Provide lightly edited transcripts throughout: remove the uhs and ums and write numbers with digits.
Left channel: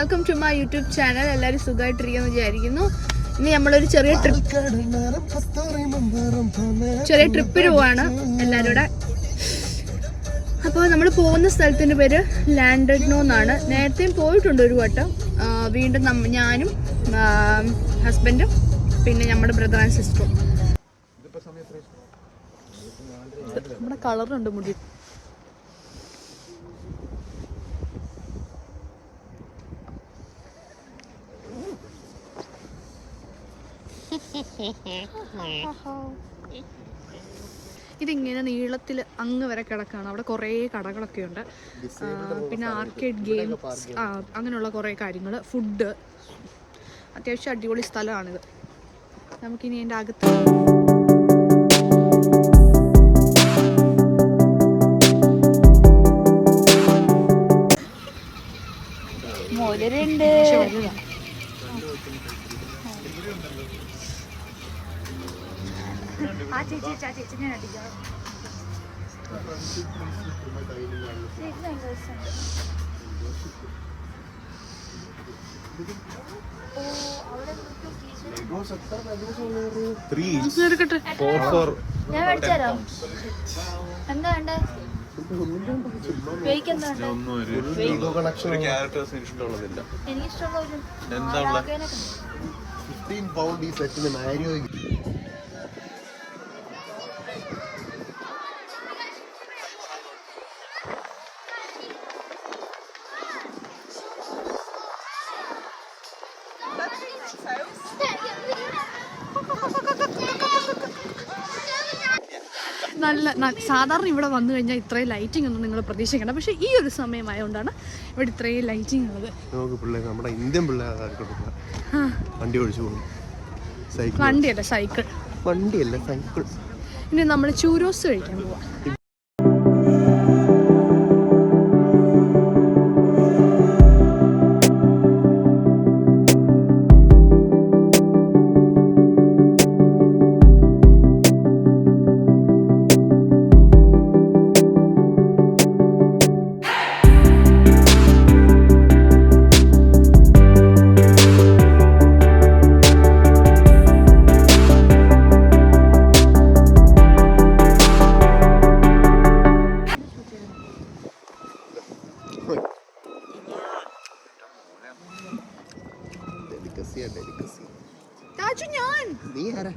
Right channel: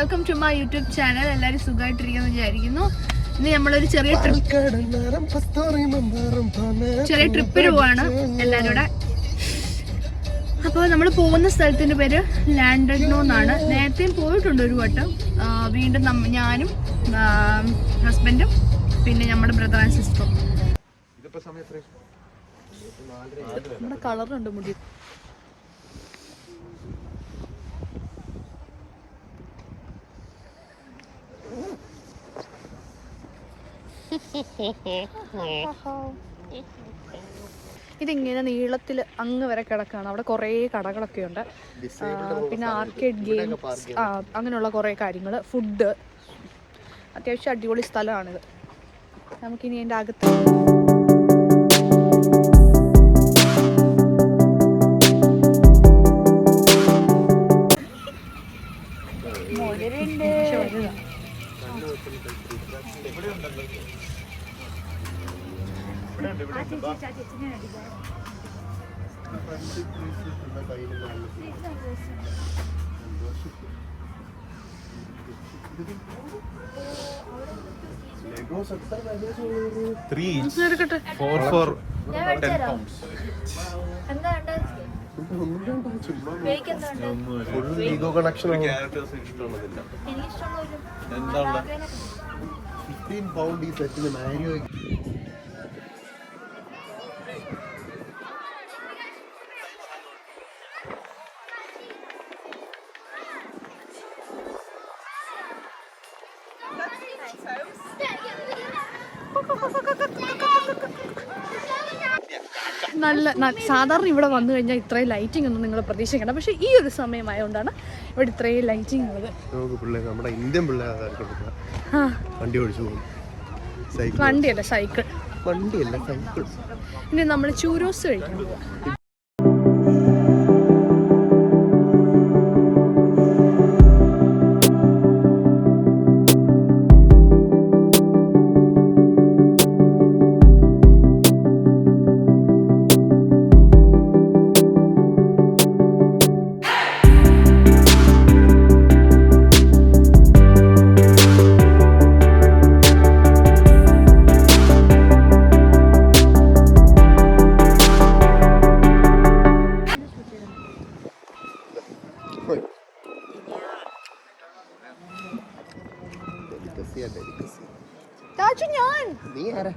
Welcome to my YouTube channel. എല്ലാവരും സുഖമായിട്ടിരിക്കുമെന്ന് വിചാരിക്കുന്നു. ഇന്ന് നമ്മളൊരു ചെറിയ ട്രിപ്പിന് പോവാണ് എല്ലാവരും കൂടെ. അപ്പോൾ നമ്മൾ പോകുന്ന സ്ഥലത്തിൻ്റെ പേര് ലാൻഡനോ എന്നാണ്. നേരത്തെയും പോയിട്ടുണ്ട് ഒരു വട്ടം. വീണ്ടും ഞാനും ഹസ്ബൻഡും പിന്നെ നമ്മുടെ ബ്രദർ ആൻഡ് സിസ്റ്ററും. നമ്മുടെ കളറുണ്ട് മുടി. ഇതിങ്ങനെ നീളത്തിൽ അങ്ങ് വരെ കിടക്കുകയാണ്. അവിടെ കുറേ കടകളൊക്കെ ഉണ്ട്. പിന്നെ ആർക്കേഡ് ഗെയിംസ്, അങ്ങനെയുള്ള കുറേ കാര്യങ്ങൾ, ഫുഡ്. അത്യാവശ്യം അടിപൊളി സ്ഥലമാണിത്. നമുക്കിനി അതിൻ്റെ അകത്ത് വലുതാ. സാധാരണ ഇവിടെ വന്നു കഴിഞ്ഞാൽ ഇത്രയും ലൈറ്റിംഗ് ഒന്നും നിങ്ങൾ പ്രതീക്ഷിക്കണം. പക്ഷെ ഈ ഒരു സമയമായതുകൊണ്ടാണ് ഇവിടെ ഇത്രയും ലൈറ്റിംഗ് ഉള്ളത്. നമ്മുടെ ഇന്ത്യൻ വണ്ടിയല്ല, സൈക്കിൾ. ഇനി നമ്മൾ ചൂരോസ് കഴിക്കാൻ പോവാം. നീ ആരാ?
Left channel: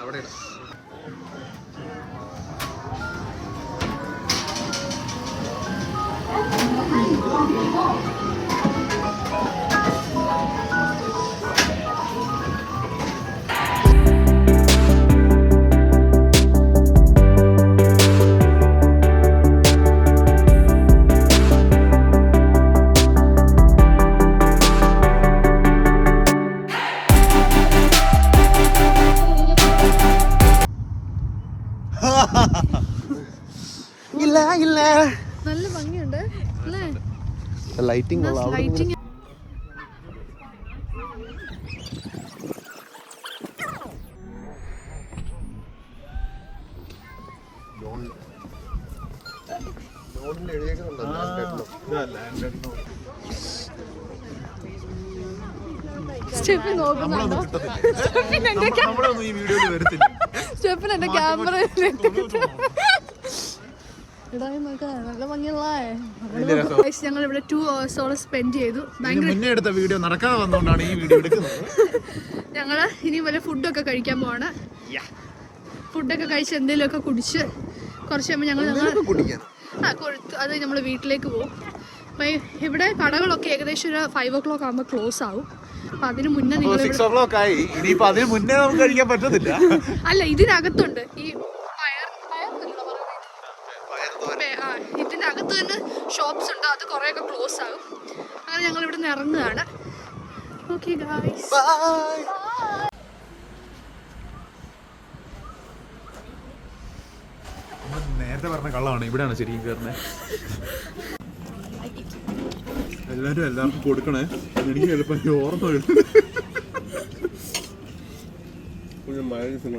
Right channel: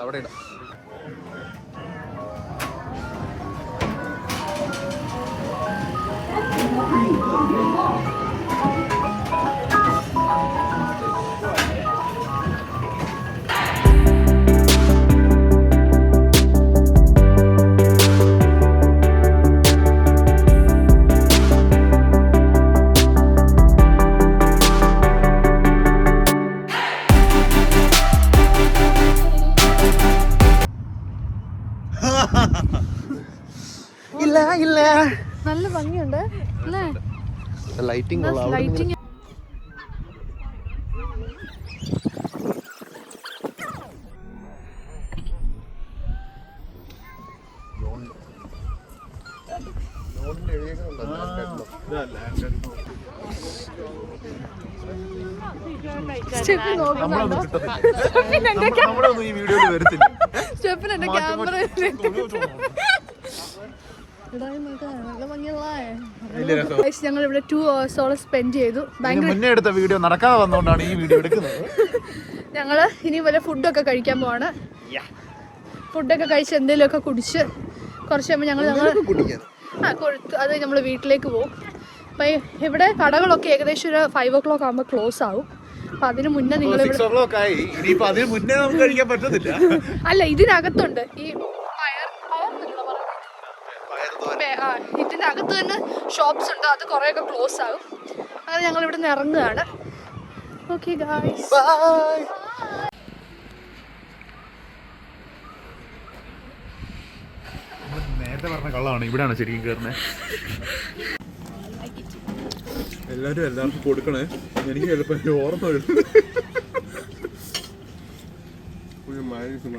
അവിടെ നല്ല ഭംഗിയുണ്ട്. ലൈറ്റിംഗ് സ്റ്റെഫിൻ നോക്കുന്നുണ്ടോ? സ്റ്റെഫിൻ എന്റെ ക്യാമറ ഞങ്ങൾ ഇവിടെ 2 hours സ്പെൻഡ് ചെയ്തു. മുന്നേ എടുത്ത വീഡിയോ നടക്കാതെ വന്നുകൊണ്ടാണ് ഈ വീഡിയോ എടുക്കുന്നത്. ഞങ്ങള് ഇനി വല്ല ഫുഡൊക്കെ കഴിക്കാൻ പോവാണ്. ഫുഡൊക്കെ കഴിച്ച് എന്തെങ്കിലുമൊക്കെ കുടിച്ച് കുറച്ച് കഴിയുമ്പോൾ ഞങ്ങൾ കൊഴുത്ത് അത് നമ്മൾ വീട്ടിലേക്ക് പോകും. അപ്പം ഇവിടെ കടകളൊക്കെ ഏകദേശം ഒരു 5 o'clock ആകുമ്പോൾ ക്ലോസ് ആവും. അപ്പം അതിന് മുന്നേ നിങ്ങൾ അല്ല, ഇതിനകത്തുണ്ട് ഈ ഇതിനകത്ത് തന്നെ ഷോപ്സ് ഉണ്ട്. അത് കുറേയൊക്കെ ക്ലോസ് ആകും. അങ്ങനെ ഞങ്ങൾ ഇവിടെ നിന്ന് ഇറങ്ങുകയാണ്. Okay guys, bye. നേരത്തെ പറഞ്ഞ കള്ളമാണ്, ഇവിടെയാണ് ശരിക്കും കയറുന്നത്. എല്ലാവർക്കും കൊടുക്കണേ, എനിക്ക് ചിലപ്പോൾ ഓർമ്മ വരും.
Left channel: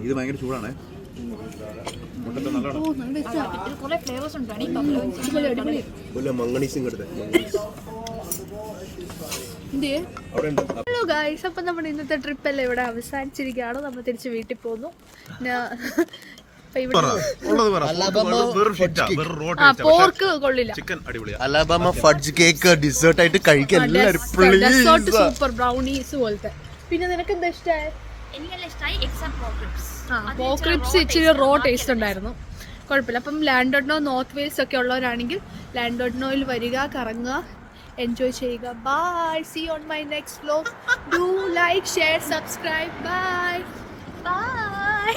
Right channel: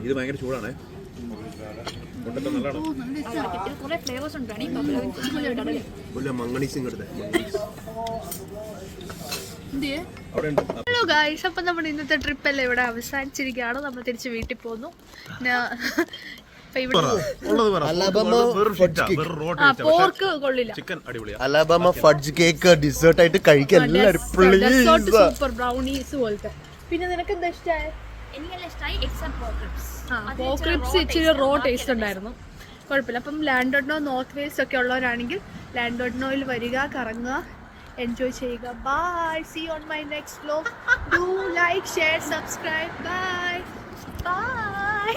ഇത് ഭയങ്കര ചൂടാണേ. ഹലോ ഗായ്സ്, അപ്പം നമ്മുടെ ഇന്നത്തെ ട്രിപ്പ് എല്ലാം ഇവിടെ അവസാനിച്ചിരിക്കുകയാണ്. നമ്മൾ തിരിച്ച് വീട്ടിൽ പോന്നു. പോർക്ക് കൊള്ളില്ല. അലബാമ ഫഡ്ജ് കേക്ക് ഡിസേർട്ട് ആയിട്ട് കഴിക്കാൻ എല്ലാവരും സൂപ്പർ ബ്രൗണീസ് പോലത്തെ. പിന്നെ നിനക്ക് എന്താ ഇഷ്ടമായി? പോക്രിപ്സ് ഇച്ചിരി റോ ടേസ്റ്റ് ഉണ്ടായിരുന്നു, കുഴപ്പമില്ല. അപ്പം ലാൻഡോഡ്നോ നോർത്ത് വേസ്റ്റ് ഒക്കെ ഉള്ളവരാണെങ്കിൽ ലാൻഡോഡ്നോയിൽ വരിക, കറങ്ങുക, എൻജോയ് ചെയ്യുക. Bye, see on my next vlog. Do like, share, subscribe. By.